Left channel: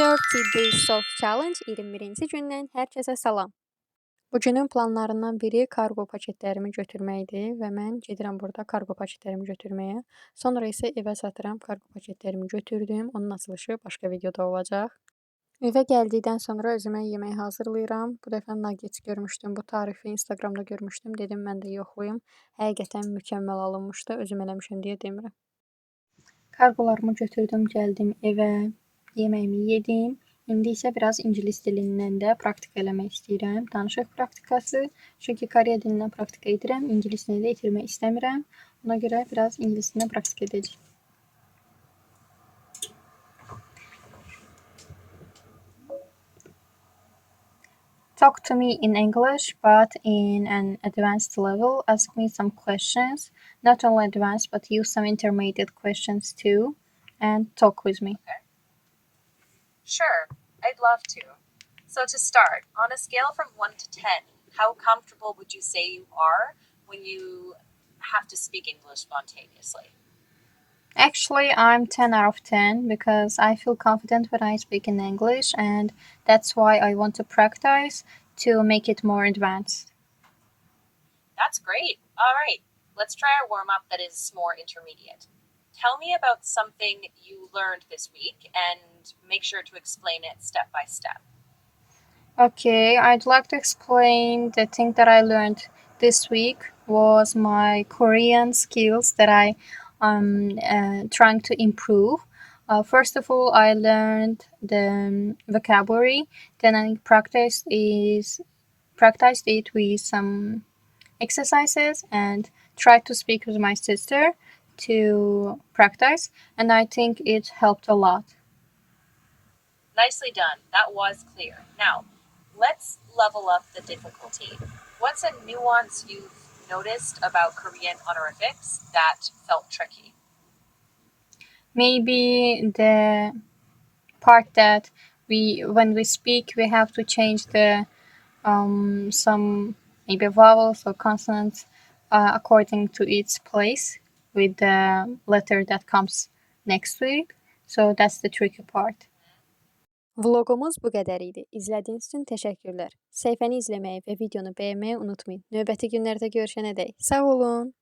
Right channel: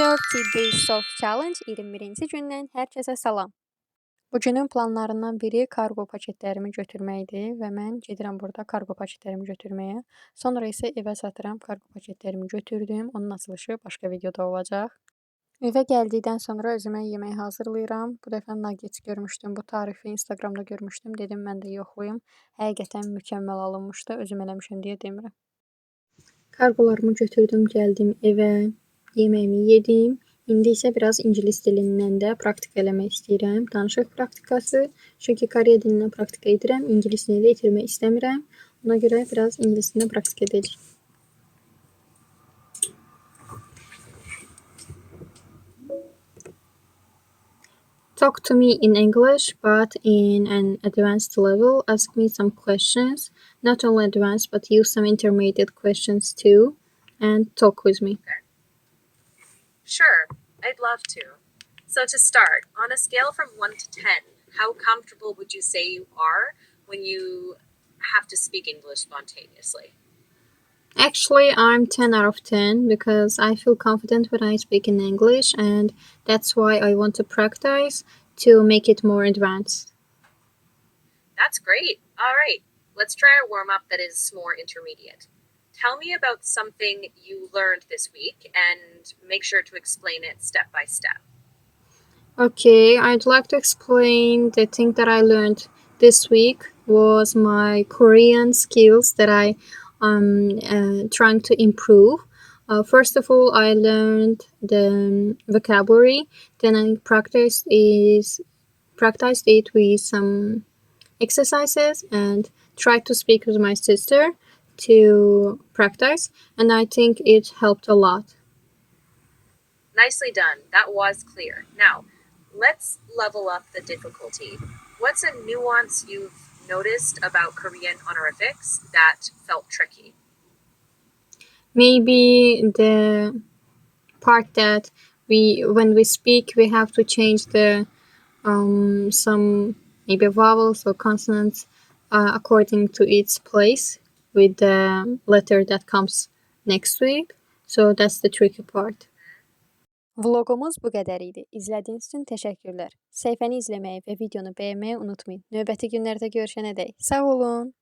30 Days of Challenge 21-ci gündən hər kəsə salam. Bugünün planlarından biri kargo paketlərimi götürməkdir və mən gedirəm burada kargo paketlərimi götürməyə. Sonra isə evə çatıram, kargo paketlərimi götürdüm. Onun açılışı başqa videoda olacaq. Evə gəldikdən sonra özümə yemək hazırlayıram. Bu dəfə nuggets görmüşdüm. Bu tarifi Instagramda görmüşdüm. Dedim mən də yoxlayım. Həqiqətən mükəmməl alınmışdı. Özüm eləmişəm deyə demirəm. Kargolarımı götürdüm, gəldim evə. Yeməyimi yedim. İndi isə biraz ingilis dilindən də praktika eləmək istəyirəm. Danışıq praktikası. Çünki Koreya dilindən praktika edirəm. İngilisini də itirmək istəmirəm. Ona görə biraz ingilisini praktika edəcəm. Talk to me in English, but in an advanced level. Ask me some questions. Not only advanced, but use some intermediate questions too. And talk with me. Okay. Sure, I'd love to. So to start, on a scale from 1 to 10, how comfortable would you say you are when you have to speak English spontaneously? Actually, I'm 10 out of 10 because I feel confident when I speak in English, and that's why I want to practice to make it more advanced. That's great. All right, let's try a warm-up that is more intermediate. Tell me about something you learned this week and make sure to explain it step by step. Okay, I'd like to explain the thing that I learned this week was my Korean skills that I trying to improve. First of all, I learned the vocabulary. Then I practiced it with some exercises and tried to speak with my sister to practice, and I think it helped a lot. Nicely done. That was clear. Now, let's level up the difficulty. What's a nuance you've noticed about Korean honorifics that felt tricky? Maybe the part that when we speak, we have to change the some maybe vowels or consonants according to its place with the letter that comes next to it. So that's the tricky part. Vlogumuz bu qədər idi. İzlədiyiniz üçün təşəkkürlər. Səhifəni izləməyi və videonu bəyənməyi unutmayın. Növbəti günlərdə görüşənədək sağ olun.